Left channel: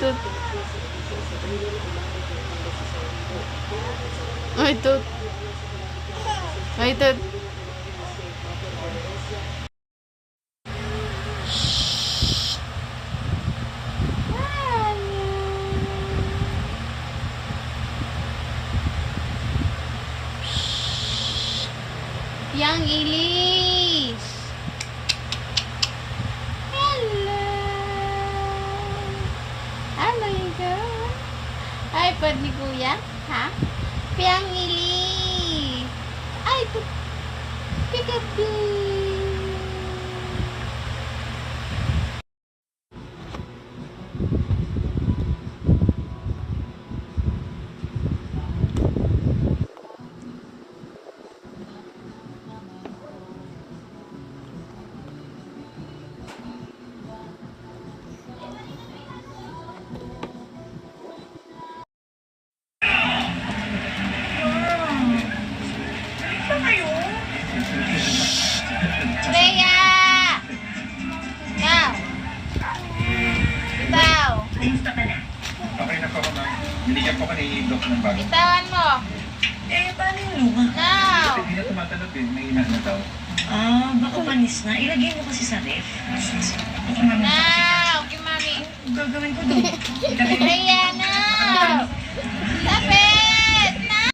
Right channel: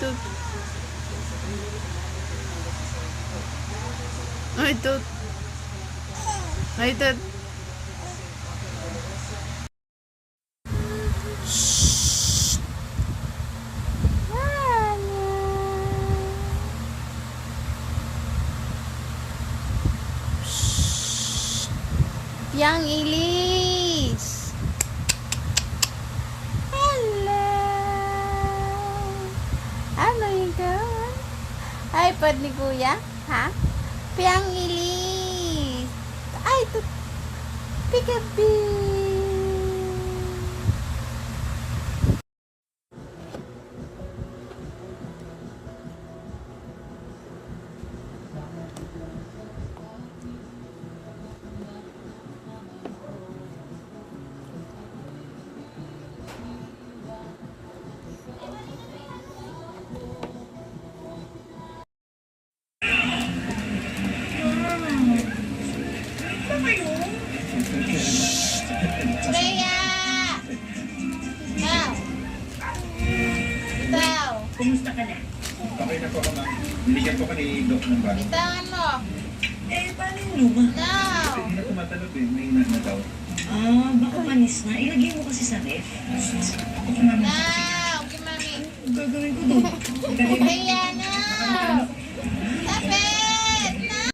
tut. Ay, tut. Ay, tut. Yang Ilis. Hello. Ano ito? iPad ni Kuya? Ha? Piang Ilis. Ay, ito. Pikapi. Freya! Now! Bitaw! Kumusta ka na? Okay na po, ma'am. Binigyan po ka ni Doc ng bago. Bitawan mo! Paano yung luha? Now! Hindi na tumatalog eh. May inahitaw. Baka panis na. Ilagay mo kasi sa ref. Now! Kimami! Gagawin ko doon. Freya! Now! Tapit! Now!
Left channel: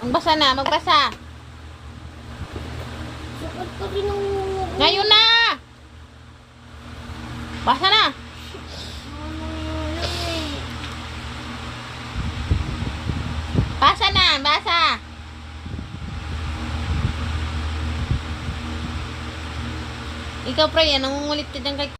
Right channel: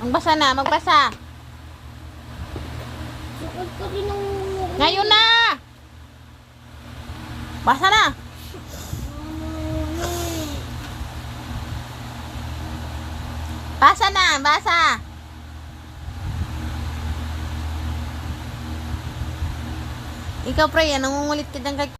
Magbasa na, magbasa. Ngayon na! Basa na! Basa na, basa! Ikaw, pre, nangungulit ka dyan kay